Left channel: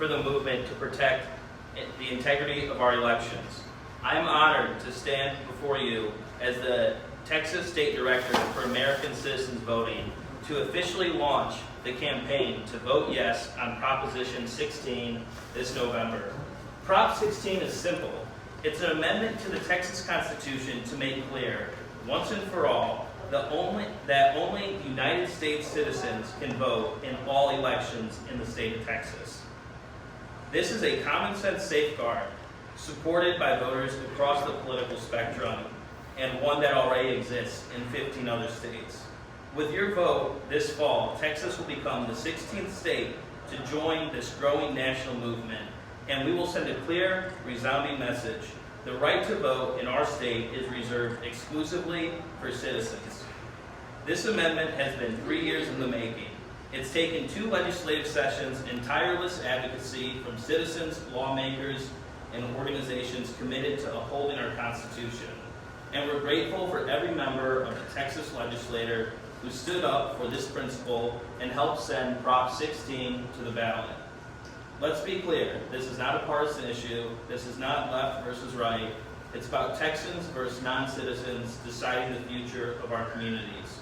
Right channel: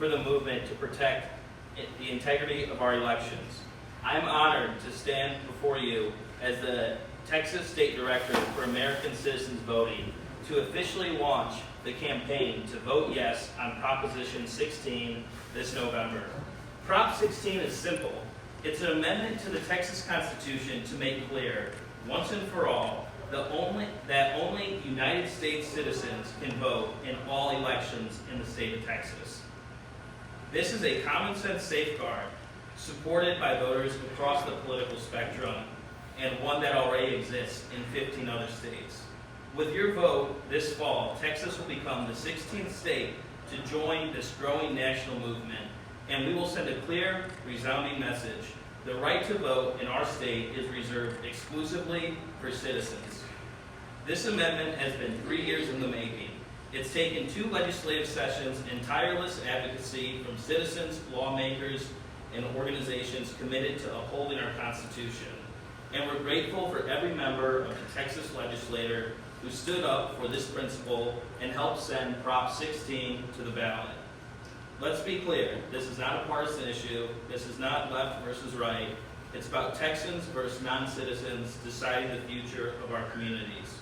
for the movement to protect the integrity of our elections. I am honored to stand before you as the Texas State Director for American Citizens Voting to officially launch the campaign to vote yes on Proposition 16 this November. Prop 16 is simple. It's an amendment to the Texas Constitution to make clear, once and for all, that only United States citizens can vote in all elections in the state of Texas. This is a common sense safeguard supported by voters across the political spectrum and one that already exists in 15 other states. With your vote this fall, Texas will become the 16th state to join this growing national movement, and we will send a clear, resounding message. The right to vote in our state is reserved exclusively for citizens. This amendment has been 3 years in the making. It's taken 2 legislative sessions and tireless advocacy from citizens, lawmakers, and organizations committed to upholding our Constitution. And we're grateful for every member of the Texas legislature who stood up for this principle and helped send Prop 16 to the ballot. Let's be clear, this is not a partisan issue. This is not left versus right. It's about Texans versus non-citizens deciding the future of our communities.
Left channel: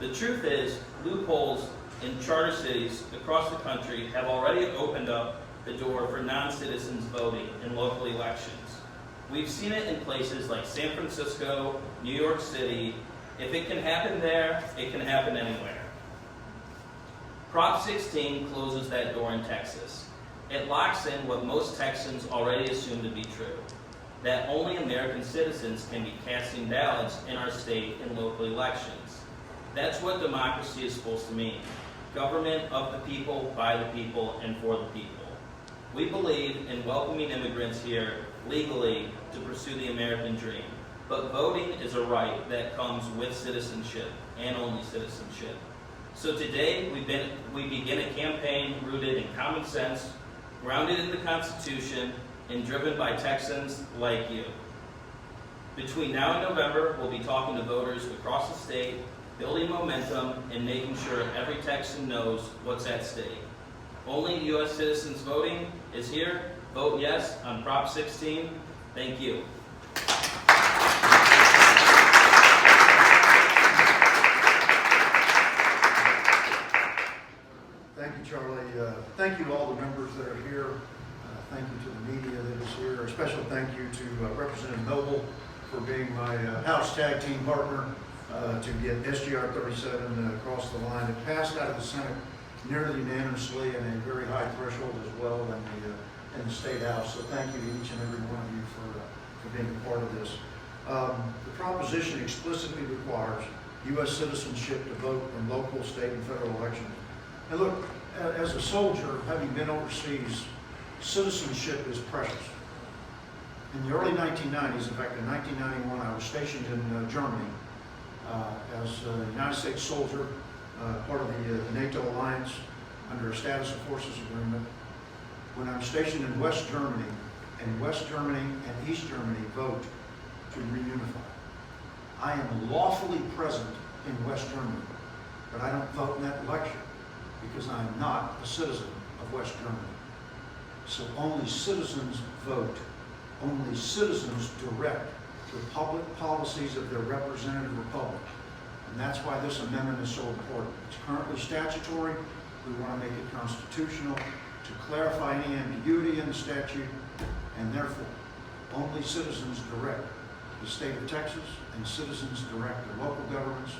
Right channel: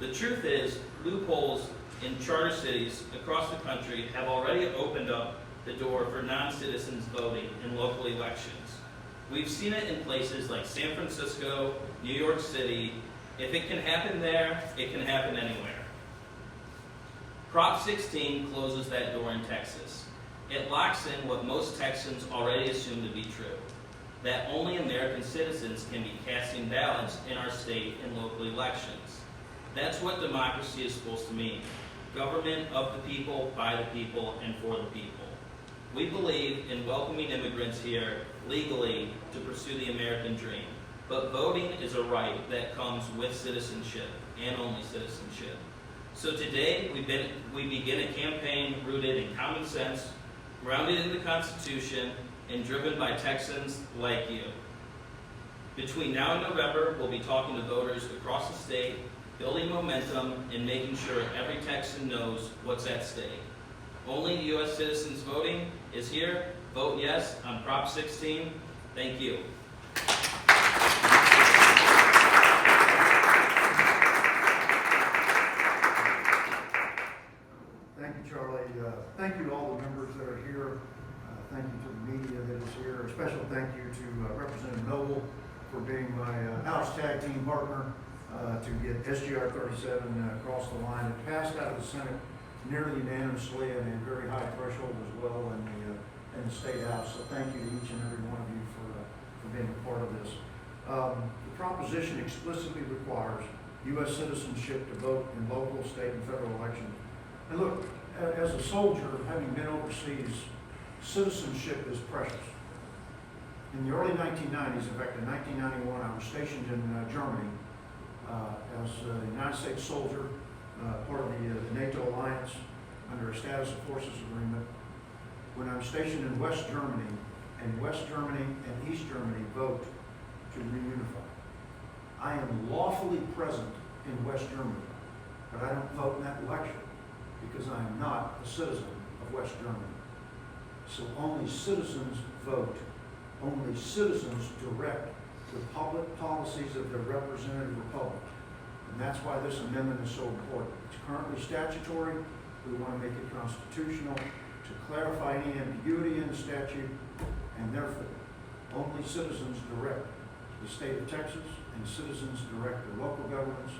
The truth is, loopholes in charter cities across the country have already opened up the door for non-citizens voting in local elections. We've seen it in places like San Francisco, New York City. If it can happen there, it can happen anywhere. Prop 16 closes that door in Texas. It locks in what most Texans already assume to be true, that only American citizens can be casting ballots in our state in local elections. That's what democracy is supposed to mean. Government of the people, by the people, and for the people. We believe in welcoming immigrants here legally to pursue the American dream. But voting is a right that comes with citizenship, and only citizenship. So today, we begin a campaign rooted in common sense, grounded in the Constitution, and driven by Texans like you. Between now and November, we'll be talking to voters across the state, building momentum, and making sure every Texan knows what's at stake. Only U.S. citizens voting is here. Vote yes on Prop 16. Thank you. Thank you, Charlie. Thank you to all the members that are here. Thank you to the media that is here. A special thank you to Representative Noble for being my House tag team partner to get SGR 37 across the line. It passed out of the Senate nearly unanimously and a very high threshold as well in the State House. So thank you to each and every one of you for being a part of this. The proposition explicitly requires U.S. citizenship to vote in local, state, and federal elections. And look, as a soldier, having been overseas, citizenship is precious. In the early 1990s, in fact, in 1991, I was stationed in Germany as a United States soldier, part of the NATO alliance under a status of forces agreement. When I'm stationed in West Germany, and West Germany and East Germany vote to reunify. I am lawfully present in West Germany, but I don't vote in that election because I am not a citizen of West Germany. So only citizens vote. Only citizens direct the public policies of their representative republic. And that's why this amendment is so important. It's currently statutory. We want to make it constitutional to clarify any ambiguity in the statute, and therefore, only citizens direct the state of Texas, and citizens direct their local governments,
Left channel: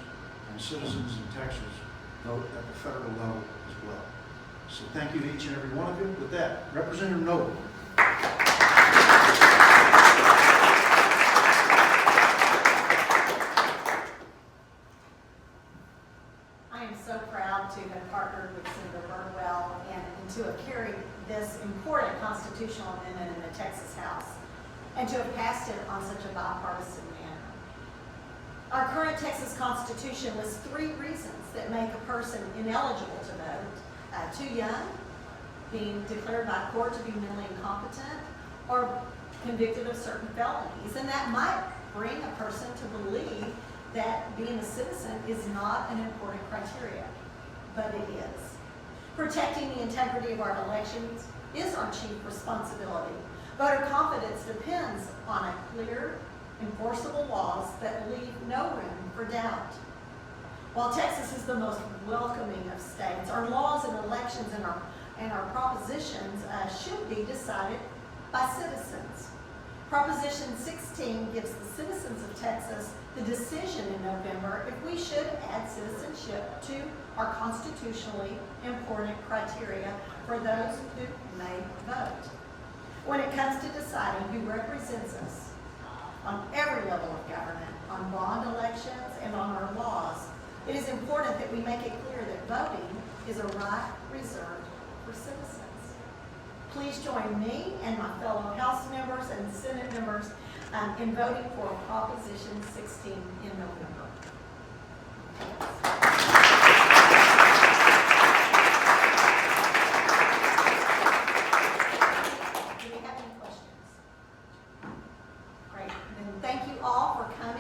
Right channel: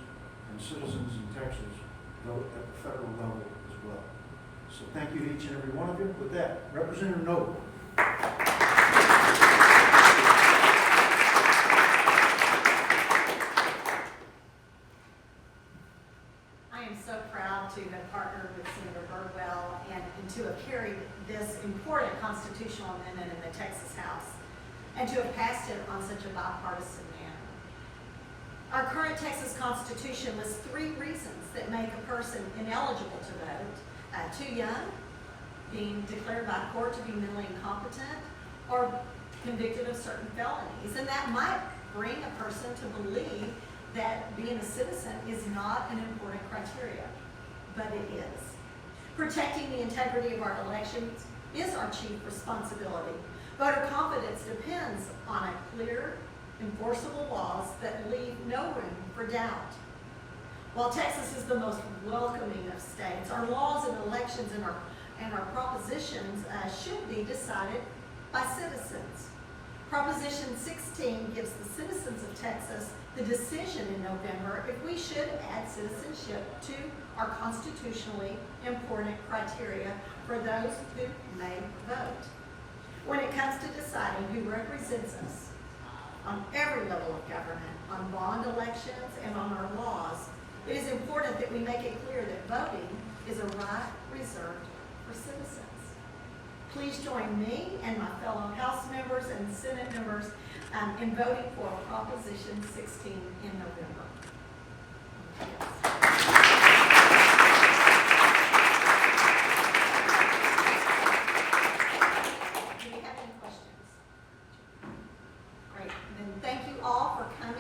and citizens in Texas vote at the federal level as well. So thank you to each and every one of you. With that, Representative Noble. I am so proud to have partnered with Senator Birdwell and to have carried this important constitutional amendment in the Texas House and to have passed it on such a bipartisan manner. Our current Texas Constitution lists 3 reasons that make a person ineligible to vote: too young, being declared by court to be mentally incompetent, or convicted of certain felonies. And that might bring a person to believe that being a citizen is not an important criteria, but it is. Protecting the integrity of our elections is our chief responsibility. Voter confidence depends on a clear, enforceable laws that leave no room for doubt. While Texas is the most welcoming of states, our laws and elections and our propositions should be decided by citizens. Proposition 16 gives the citizens of Texas the decision in November if we should add citizenship to our constitutionally important criteria for those who may vote. When it comes to deciding who represents us on every level of government, on bond elections and on our laws, it is important that we make it clear that voting is a right reserved for citizens. Please join me and my fellow House members and Senate members in voting for Proposition 16 in November. Do we have any questions? Great. Then thank you all for coming.